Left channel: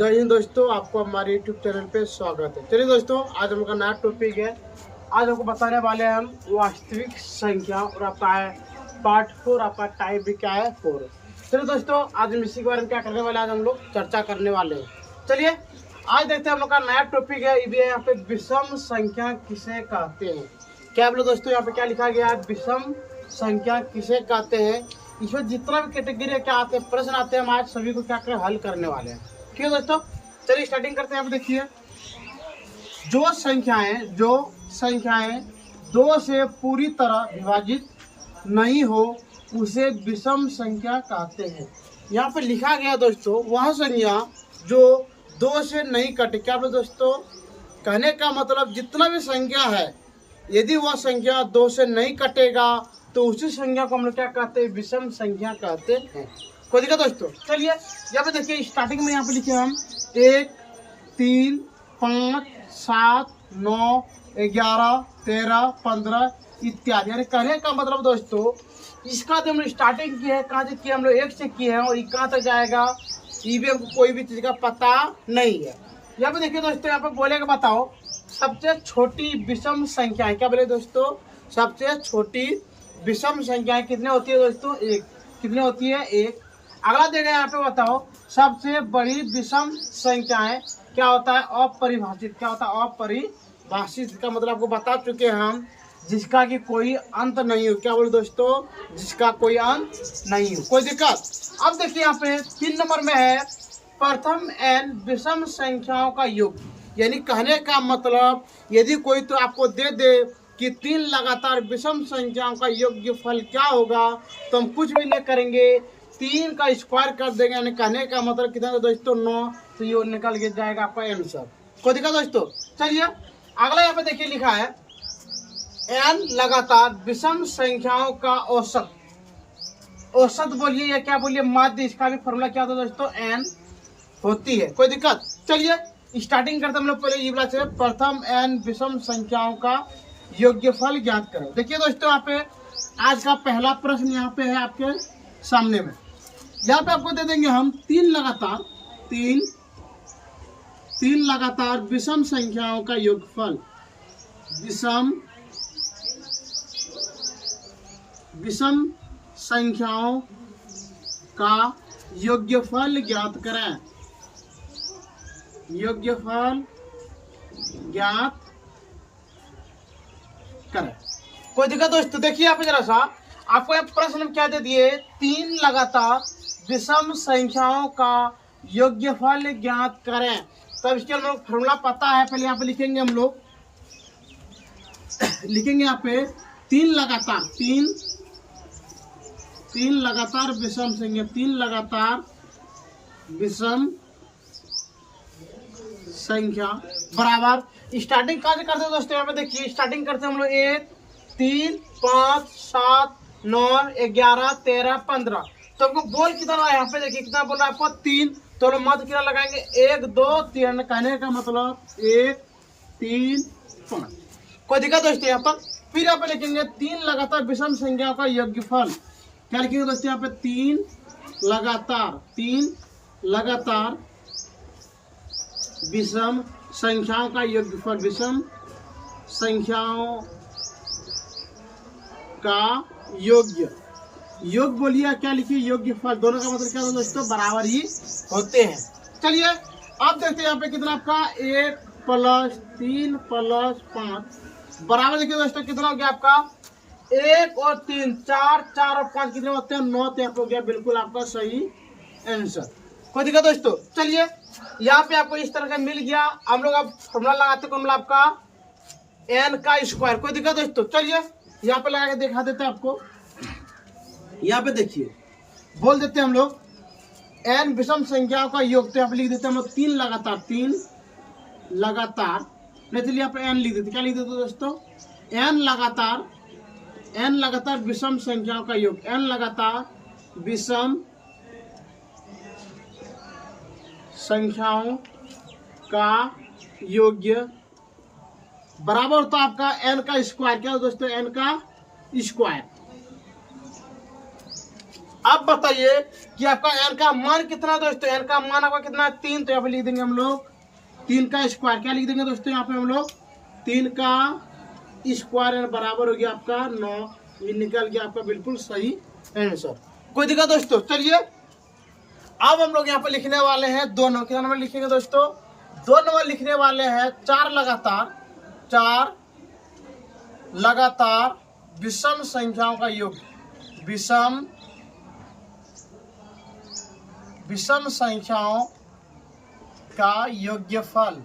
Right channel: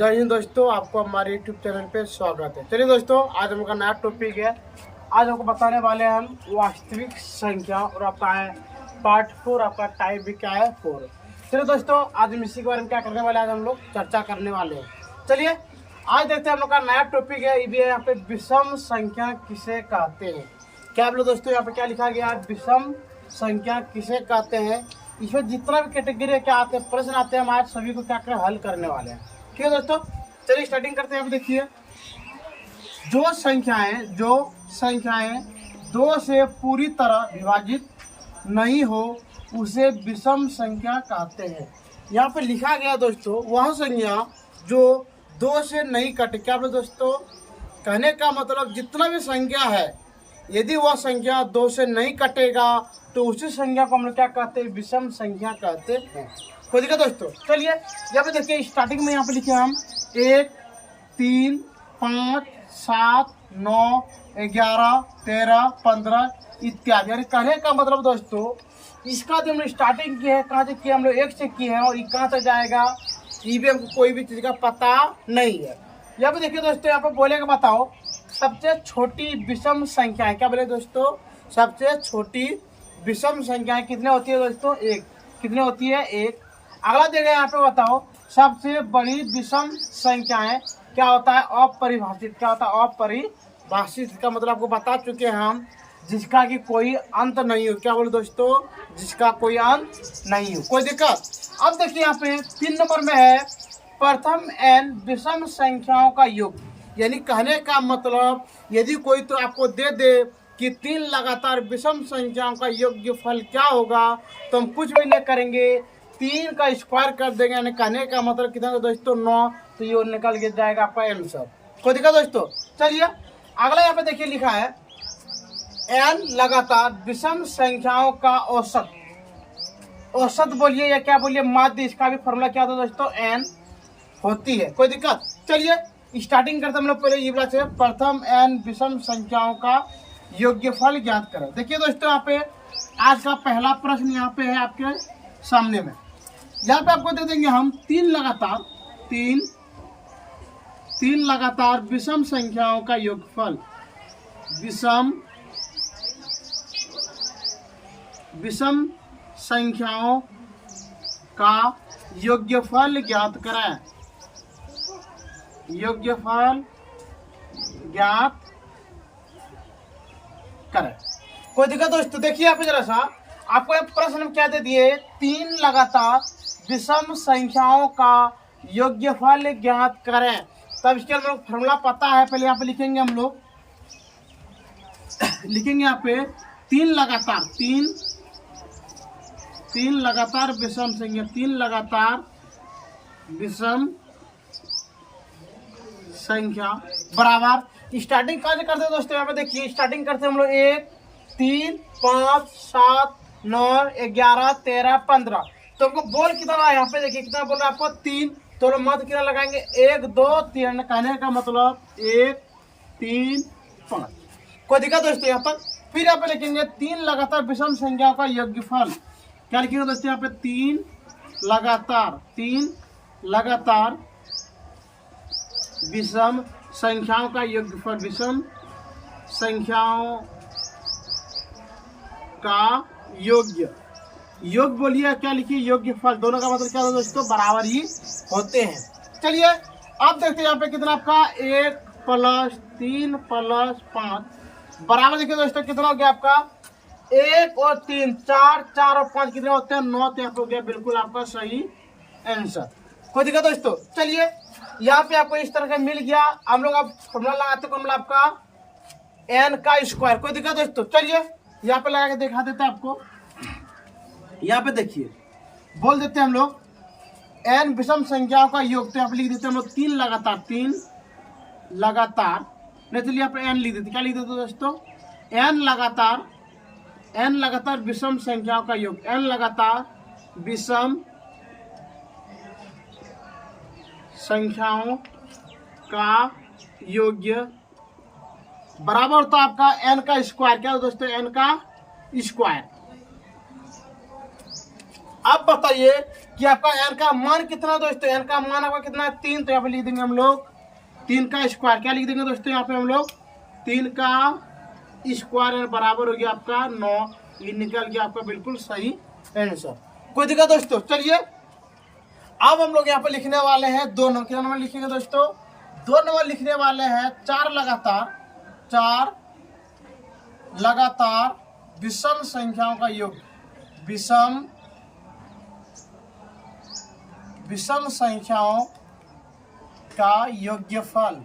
जय हिंद दोस्तों, आपको हमारे यूट्यूब चैनल पे स्वागत है। चलिए दोस्तों, आज हम का नया टॉपिक है। आज हमको बताने वाले हैं हम वास्तविक संख्या और आपका है पार्ट 4, आपका टाइप भी क्या है 4। चलिए दोस्तों, आज हम इसी के बारे में क्या करने वाले हैं, आज हम लोग चर्चा करने वाले हैं। चलिए आज देखते हैं हम लोग का नया टॉपिक है। ये भी है यहाँ पे विषम संख्या किसे कहते हैं। क्या बोलो दोस्तों, यहाँ पे क्या लिखा गया है, विषम संख्या किसे कहते हैं। इसमें जितना भी कैटेगरी क्या आते हैं, प्रश्न आते हैं, हम आज सभी को क्या कर हल करने वाले हैं। ठीक है दोस्तों, चलिए स्टार्टिंग करते हैं। यहाँ पे देखिए, जो संख्याएं दो से पूरी तरह विभाजित नहीं हो उसे विषम संख्या कहते हैं। यहाँ पे लिखा गया दोस्तों, वह संख्या जो दो से नहीं कटे। क्या बोले दोस्तों, कहने का मतलब जितना भी संख्या है, यदि वह संख्या दो से नहीं कटेगा तो उसी संख्या को हम लोग क्या कहते हैं, विषम संख्या कहते हैं। कोई दिक्कत दोस्तों। चलिए यहाँ पे देखिए, स्टार्टिंग में यहाँ पे लिखे हम 1, 3, 5, 7, 9, 11, 13, 15 इत्यादि। यानी कहने का मतलब दोस्तों, इसका जो हमने स्टार्टिंग की है, कहाँ से किया, हम लोग 1 से किए हैं और ये कहाँ तक जाएगा, ये भी हमको कोई भी चीज़ का पता नहीं है। यहाँ पे देखिए दोस्तों, यहाँ पे बोलेगा बताओ सबसे छोटी विषम संख्याएं। क्या बोले दोस्तों, सबसे छोटी विषम संख्याएं कितने होती है दोस्तों, 1। कितने होती है, 1। अगला देगा यहाँ पे बताओ सबसे बड़ी विषम संख्याएं क्या होता है, अपरिभाषित। क्या होता है, अपरिभाषित। इसका मतलब आपको बता चुके हैं हम, जिसका कि कोई अंत नहीं हो। क्या बोले दोस्तों, जिसका कोई अंत नहीं हो। कोई दिक्कत। अब देखिए यहाँ पे 3 नंबर में है प्रथम n विषम संख्याओं का योग। यानी कहने का मतलब, यदि कोई तो आपको दे दे कि 3 लगातार विषम संख्याओं का योगफल क्या होगा, तो हम कुछ भी नहीं करेंगे, 3 का स्क्वायर कर देंगे। यानी कहने का मतलब कितना दोस्तों, 9। तो ये निकल के जाएगा आपका आंसर। कोई दिक्कत दोस्तों। चलिए अगला यहाँ पे देखिए लिखा है n लगातार विषम संख्याओं का औसत। औसत बोलिए या क्या बोलिए, माध्य। इसका भी फॉर्मूला क्या होता है दोस्तों, n होती है। कोई दिक्कत। चलिए स्टार्टिंग करते हम लोग पहले ये बोला से प्रथम n विषम संख्याओं का योग्यफल ज्ञात करें। देखिए दोस्तों, यहाँ पे आज का पहला प्रश्न यहाँ पे है आपके सामने में। यहाँ पे आपको दे देंगे हम 3 लगातार विषम संख्याओं का योगफल। विषम संख्याओं का योग्यफल ज्ञात करें। योग्यफल ज्ञात करें। कोई दिक्कत दोस्तों। देखिए यहाँ पे जरा सा आपको एक प्रश्न क्या दे दिए, 3 लगातार विषम संख्याओं का योग्यफल ज्ञात करें। तब इसके हम लोग फॉर्मूला पता है, पहले यहाँ पे लिखेंगे हम लोग। लिखेंगे यहाँ पे 3 लगातार विषम संख्या, 3 लगातार विषम संख्या बराबर। स्टार्टिंग कहाँ से करते हैं दोस्तों, यहाँ पे देखिए स्टार्टिंग करते हैं हम लोग 1, 3, 5, 7, 9, 11, 13, 15। तो हमको बोल कितना रहा है, यहाँ पे देखिए कितना बोल रहा है आपको, 3। तो मध्य कितना लगाएंगे, 1, 2, 3। कहने का मतलब 1, 3, 5। कोई दिक्कत दोस्तों यहाँ तक। फिर यहाँ पे लिखेंगे 3 लगातार विषम संख्या का योगफल। क्या लिखेंगे दोस्तों, यहाँ पे 3 लगातार विषम संख्याओं का योगफल। विषम संख्याओं का योग बोलिए क्या लिखिए, योग्यफल। दोनों का मतलब क्या होता है दोस्तों, बराबर ही होते हैं। चलिए अब देखते हैं यहाँ पे कितना आपका, 1 + 3 + 5 बराबर। देखिए दोस्तों कितना हो गया आपका, 1 और 3 4, 4 और 5 कितने होते हैं, 9। तो यहाँ पे हो गया बिल्कुल आपका सही आंसर। कोई दिक्कत दोस्तों। चलिए यहाँ पे आपको इस तरह का मिल गया। हम लोग अब फॉर्मूला लगाते हैं, फॉर्मूला आपका n का स्क्वायर। कोई दिक्कत दोस्तों। चलिए यहाँ पे लगा के दिखा देते हैं आपको। यहाँ पे देखिए बोल देते हैं हम लोग n विषम संख्याओं का योग। तो यहाँ पे लिख देते हैं हम लोग 3 लगातार नहीं, चलिए यहाँ पे n लिख देते। क्या लिख देते दोस्तों, n लगातार विषम संख्याओं का योग। n लगातार विषम संख्याओं का योग्य बराबर होता है आपका n का स्क्वायर। क्या दोस्तों, n का स्क्वायर। अब बताइए कि आपका n का मान कितना दोस्तों, n का मान आपका कितना है 3, तो यहाँ पे लिख देंगे हम लोग 3 का स्क्वायर। क्या लिख देंगे दोस्तों यहाँ पे हम लोग 3 का स्क्वायर बराबर हो गया आपका 9। ये निकल गया आपका बिल्कुल सही आंसर। कोई दिक्कत दोस्तों? चलिए अब हम लोग यहाँ पे लिखने वाले हैं 2 नंबर। कितना नंबर लिखेंगे दोस्तों? 2 नंबर लिखने वाले हैं 4 लगातार विषम संख्याओं का योग। विषम संख्याओं का योग्यफल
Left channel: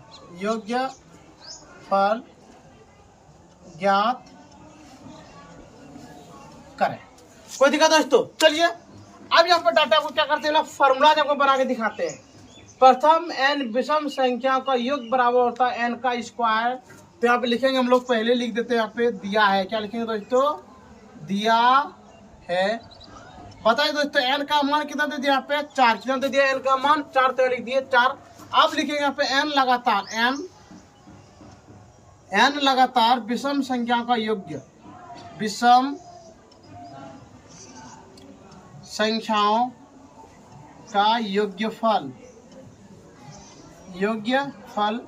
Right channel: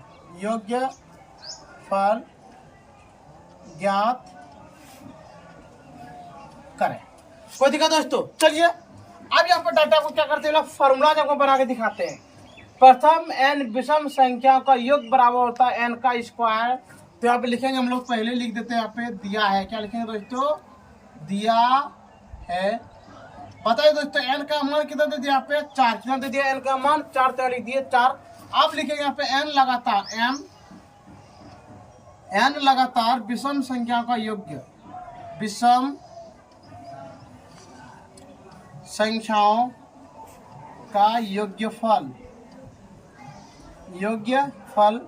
ज्ञात करें। कोई दिक्कत दोस्तों? चलिए अब यहाँ पर डाटा को क्या करते हैं, फॉर्मूला आपको बना के दिखाते हैं। प्रथम n विषम संख्याओं का योग बराबर होता है n का स्क्वायर। तो यहाँ पे लिखेंगे हम लोग, पहले लिख देते हैं यहाँ पे दिया है। क्या लिखेंगे दोस्तों? दिया है। बताइए दोस्तों n का मान कितना दे दिया यहाँ पे 4। कितना दे दिया n का मान 4, तो लिख दिए 4। अब लिखेंगे यहाँ पे n लगातार विषम संख्याओं का योग्य, विषम संख्याओं का योग्यफल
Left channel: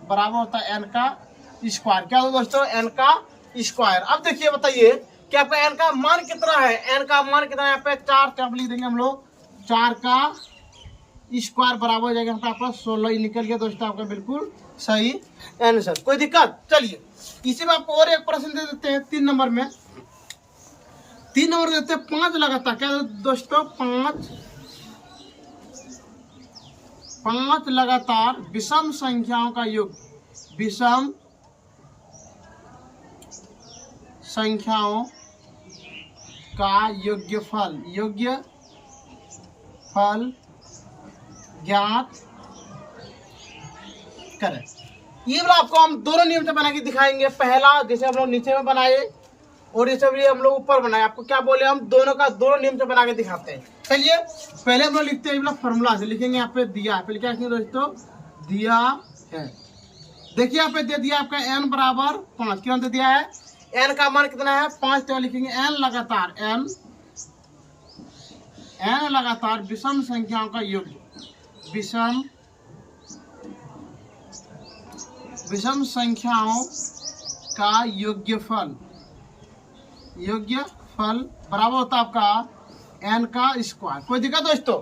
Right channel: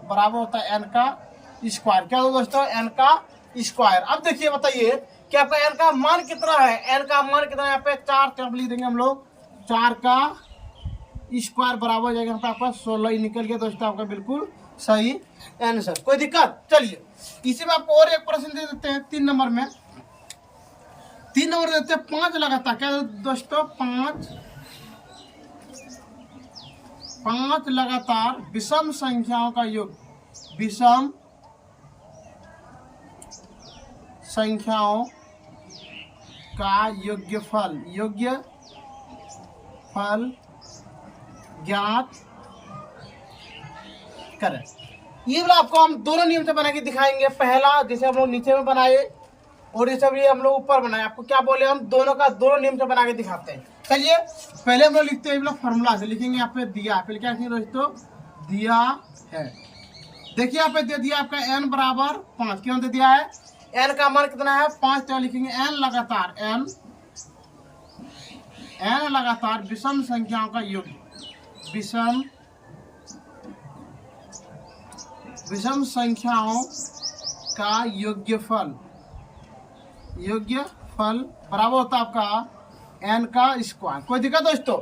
बराबर होता है n का स्क्वायर। क्या हो दोस्तों? n का स्क्वायर। अब देखिए बताइए कि आपका n का मान कितना है। n का मान कितना है यहाँ पे 4, तो आप लिख देंगे हम लोग 4 का स्क्वायर बराबर हो जाएगा यहाँ पे आपका 16। ही निकल गया दोस्तों आपका बिल्कुल सही आंसर। कोई दिक्कत? चलिए इसी में आपको और एक प्रश्न दे देते हैं 3 नंबर में। 3 नंबर देते हैं 5 लगातार। क्या दोस्तों? 5 लगातार विषम संख्याओं का योग, विषम संख्याओं का योग्यफल ज्ञात करें। ये वाला आपको हम दोनों नियम से बना के दिखाएंगे। पहला जैसे हम लोग नीचे में बनाए और ये सब ये हम लोग ऊपर बनाए। आपको क्या बोले, हम दोनों का दोनों नियम से बना के दिखाते हैं। चलिए पहले हम लोग लिखते हैं फॉर्मूला से। लिखेंगे यहाँ पे दिया है, पहले क्या लिखेंगे दोस्तों? दिया है। देखिए यहाँ पे दे दिया आपका n बराबर 5। क्यों दे दिया है? n का मान कितना है 5, तो लिखेंगे n लगातार विषम संख्याओं का योग, विषम संख्याओं का योग्यफल बराबर होता है आपका n का स्क्वायर। कोई दिक्कत दोस्तों?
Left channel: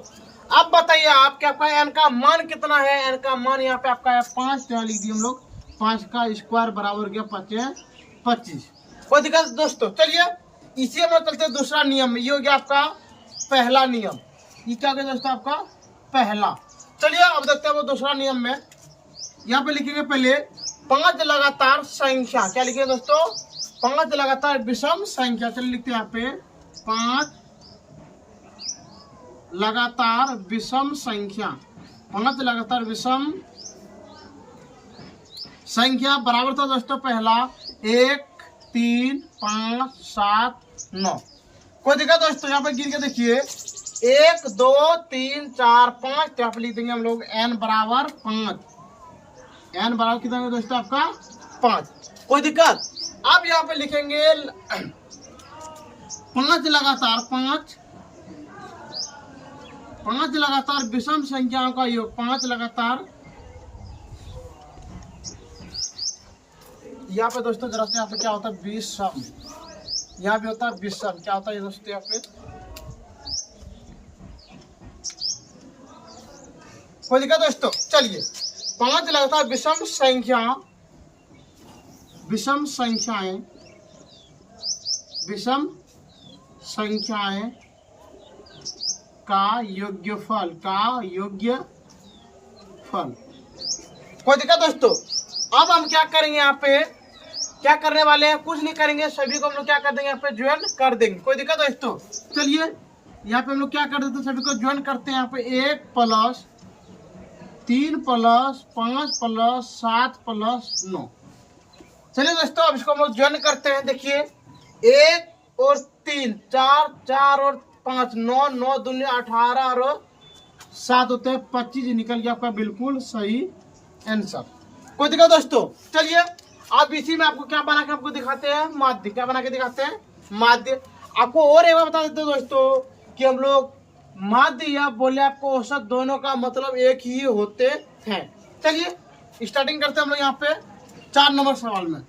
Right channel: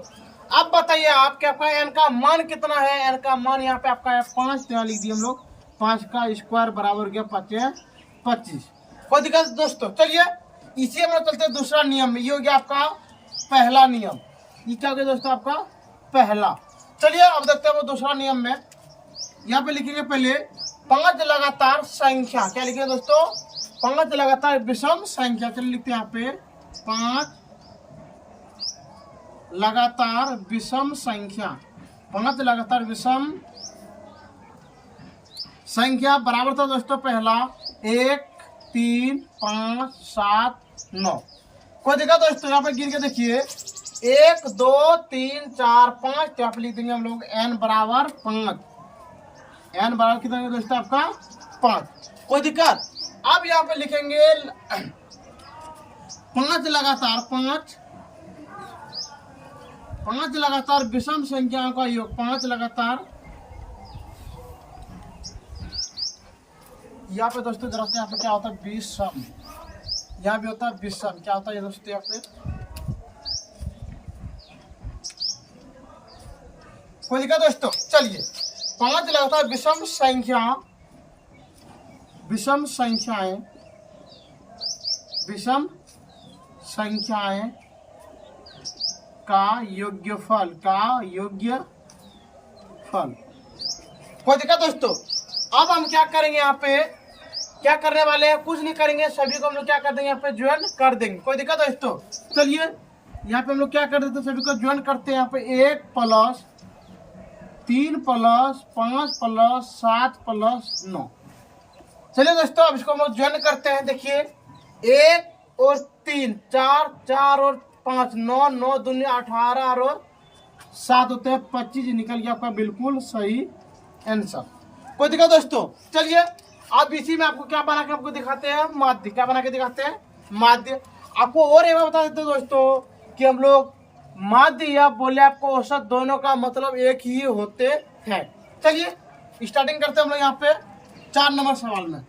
अब बताइए आप क्या आपका n का मान कितना है। n का मान यहाँ पे आपका है 5, तो यहाँ लिख दिए हम लोग 5 का स्क्वायर बराबर गया 25। कोई दिक्कत दोस्तों? चलिए इसी में चलते हैं दूसरा नियम। ये हो गया आपका पहला नियम। ये क्या हो गया दोस्तों? आपका पहला। चलिए अब देखते हैं वो दूसरा नियम में। यहाँ पे लिखेंगे पहले 5 लगातार संख्या। क्या लिखेंगे दोस्तों? 5 लगातार विषम संख्या। चलिए लिखते हैं यहाँ पे 5 लगातार विषम संख्या। 5 लगातार विषम संख्या बराबर था दोस्तों पहला 1, 3, 5, 7, 9। कोई दिक्कत दोस्तों? यहाँ पे गिर के देखिए 1, 2, 3, 4, 5, तो यहाँ पे लिख देंगे हम लोग n बराबर 5। n बराबर कितना है दोस्तों? आपका 5। कोई दिक्कत? अब यहाँ पे लिखेंगे 5 लगातार विषम संख्याओं का योग। 5 लगातार, यहाँ पे दोस्तों जरा से यहाँ पे क्या होता है विषम, यहाँ भी होता है विषम। क्या होता है दोस्तों यहाँ पे? कोई दिक्कत दोस्तों? चलिए 5 लगातार विषम संख्याएं का योग्यफल कोई दिक्कत दोस्तों? अब हम क्या करेंगे यहाँ पे, क्या करने वाले हैं? कुछ नहीं करेंगे, सभी को हम लोग क्या कर देंगे यहाँ पे ज्वाइन कर देंगे। कोई दिक्कत दोस्तों? चलिए यहाँ पे हम लोग क्या कर देते हैं, सभी को ज्वाइन करते हैं। यहाँ पे 1 + 3 + 5 + 7 + 9। चलिए दोस्तों अब इसको हम लोग ज्वाइन करते हैं। देखिए 1 और 3 4, 4 और 5 9, 9 दूनी 18 और 7 होते हैं 25। निकल गया आपका बिल्कुल सही आंसर। कोई दिक्कत दोस्तों? चलिए अब इसी में आपको क्या बना के आपको दिखाते हैं, माध्य। क्या बना के दिखाते हैं? माध्य। आपको और एक बार बता देते हैं दोस्तों कि हम लोग माध्य या बोले आपको औसत दोनों का मतलब एक ही होते हैं। चलिए स्टार्टिंग करते हैं हम लोग यहाँ पे 4 नंबर सवाल में।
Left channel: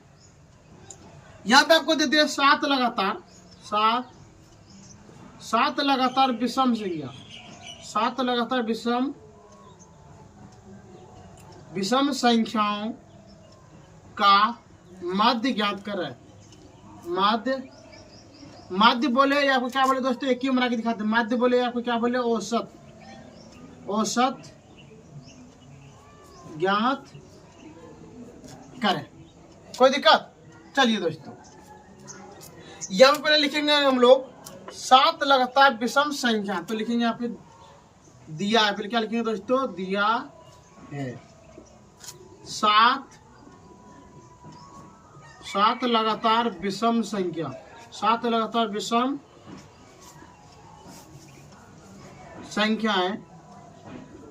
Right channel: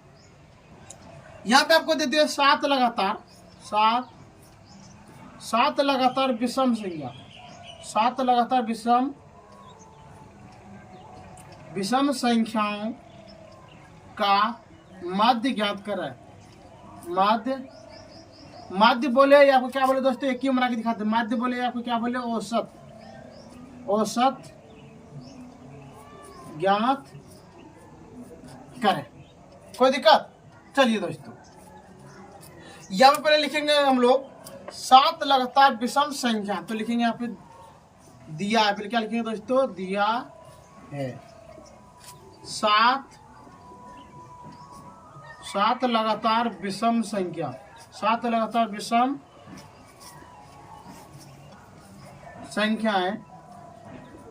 यहाँ पे आपको दे दिया 7 लगातार, 7 लगातार विषम संख्या, 7 लगातार विषम संख्याओं का माध्य ज्ञात करें। माध्य बोले या आपको क्या बोले दोस्तों, एक ही बना के दिखाते हैं। माध्य बोले आपको क्या बोले, औसत ज्ञात करें। कोई दिक्कत? चलिए दोस्तों यहाँ पे पहले लिखेंगे हम लोग 7 लगातार विषम संख्या, तो लिखेंगे यहाँ पे दिया है, फिर क्या लिखेंगे दोस्तों, दिया है 7 लगातार विषम संख्या, 7 लगातार विषम संख्याएं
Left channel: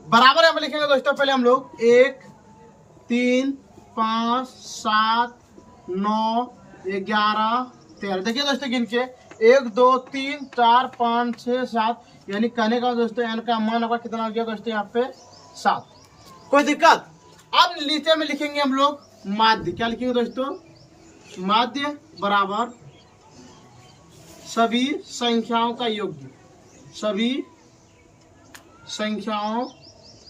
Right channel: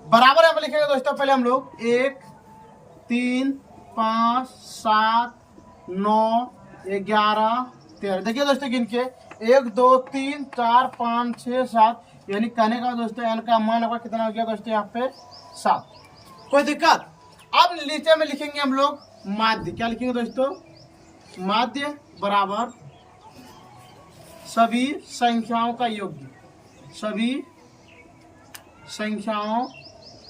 बराबर यहाँ पे लिखेंगे दोस्तों। पहले हम लोग 1 3 5 7 9 11 13, देखिए दोस्तों गिन के 1 2 3 4 5 6 7, यानी कहने का दोस्तों एन का मान आपका कितना हो गया दोस्तों यहाँ पे 7। कोई दिक्कत? अब नीचे में लिखेंगे हम लोग माध्य, क्या लिखेंगे दोस्तों, माध्य बराबर सभी संख्याओं का योग्य, सभी संख्याओं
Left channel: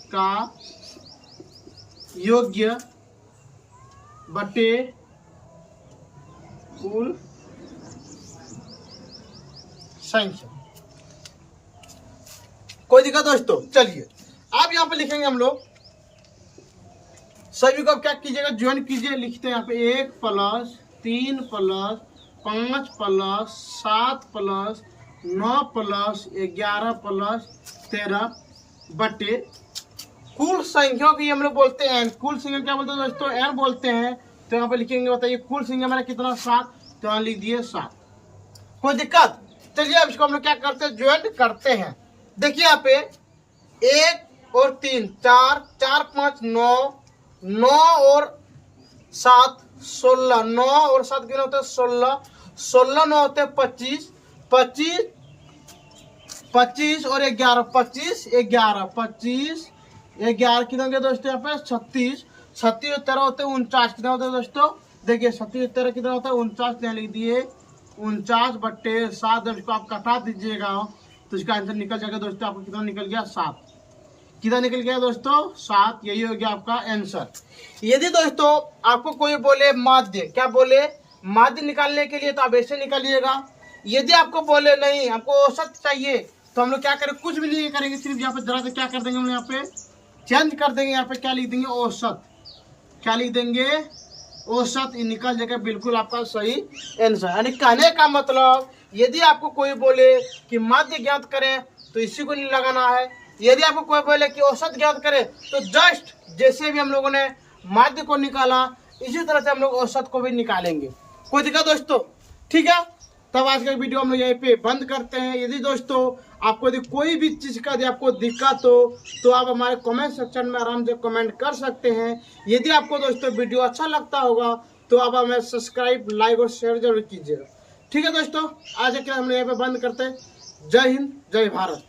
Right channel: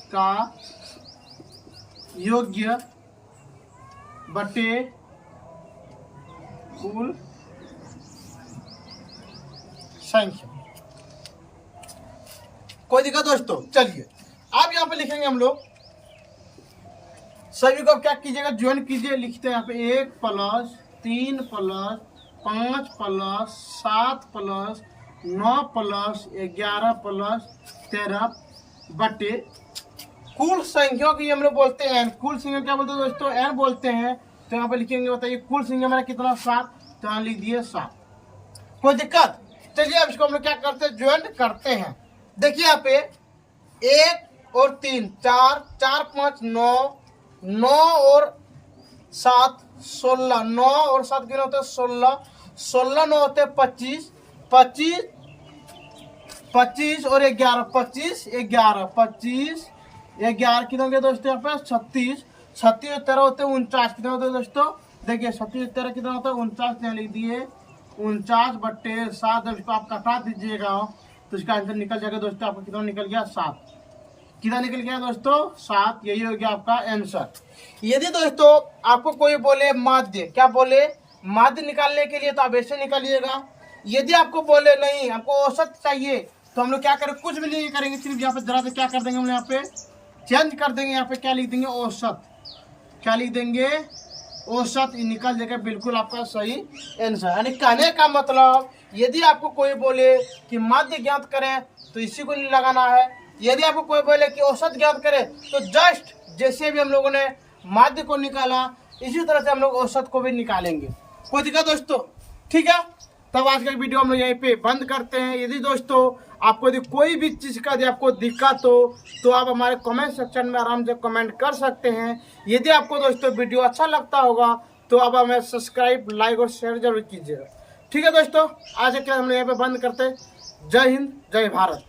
का योग्य बटे कुल संख्या। कोई दिक्कत दोस्तों? चलिए अब यहाँ पे लिखेंगे हम लोग सभी को, अब क्या कीजिएगा, ज्वाइन कीजिए। लिखते हैं यहाँ पे 1 + 3 + 5 + 7 + 9 + 11 + 13 बटे कुल संख्या की हम लोग बोलते हैं n। कुल संख्या क्या बोलते हैं दोस्तों, n बोलते हैं। तो यहाँ पे लिखेंगे, बताइए कुल संख्या मेरा कितना, 7, तो यहाँ लिख दिए 7। कोई दिक्कत? चलिए अब इसको हम लोग क्या करते हैं, ज्वाइन करते हैं। देखिए यहाँ पे 1 और 3 4 4 5 9 9 और 7 16, 9 और 7 कितने होते हैं, 16 16 9 होते हैं 25 25 25 और 11 25 11 25 11 कितने होंगे दोस्तों यहाँ पे 36 36 और 13 होते हैं 49, कितने होते हैं दोस्तों, देखिए 36 और 13 कितना होता है 49, यहाँ लिख दिए 49 बट्टे 7। जब इसको आप कटा दीजिएगा तो इसका आंसर निकल जाएगा दोस्तों, आपका कितना निकल गया 7। कितना निकल गया दोस्तों, 7। यही हो गया आपका आंसर। यदि दोस्तों आपको कोई बोले माध्य, क्या बोले, माध्य निकालने के लिए तो आप ऐसे निकालिएगा। यदि आपको बोले नहीं हमको औसत चाहिए, तो हम लोग क्या करें, कुछ भी नहीं करेंगे, सिर्फ यहाँ पे जरा से क्या कर देंगे, हम यहाँ पे चेंज कर देंगे। यहाँ पे क्या लिख देंगे, औसत, क्या लिख देंगे, औसत, निकल जाएगा बिल्कुल आपका सही आंसर। यानी कहने का मतलब यदि आपको कोई बोले कि माध्य ज्ञात करें तो इसी को नहीं लगाना है। यदि आपको कोई बोले कि औसत ज्ञात करें तो जस्ट जैसे भी हम लोगों ने माध्य को निकाला इसी तरह से हम लोग औसत को भी निकालेंगे। कोई दिक्कत दोस्तों? ठीक है, तब आज का वीडियो हम लोग यहीं पे बंद करते हैं। यदि दोस्तों आपको यदि कोई भी चीज़ का यदि आपको दिक्कत हो तो आप हमारे कमेंट सेक्शन में आराम से कमेंट कर सकते हैं। यदि आपको दोस्तों वीडियो अच्छा लगता होगा तो आप हमें सब्सक्राइब, लाइक और शेयर जरूर कीजिएगा। ठीक है दोस्तों, आज के हम लोग यहाँ पे बंद करते हैं। जय हिंद, जय भारत।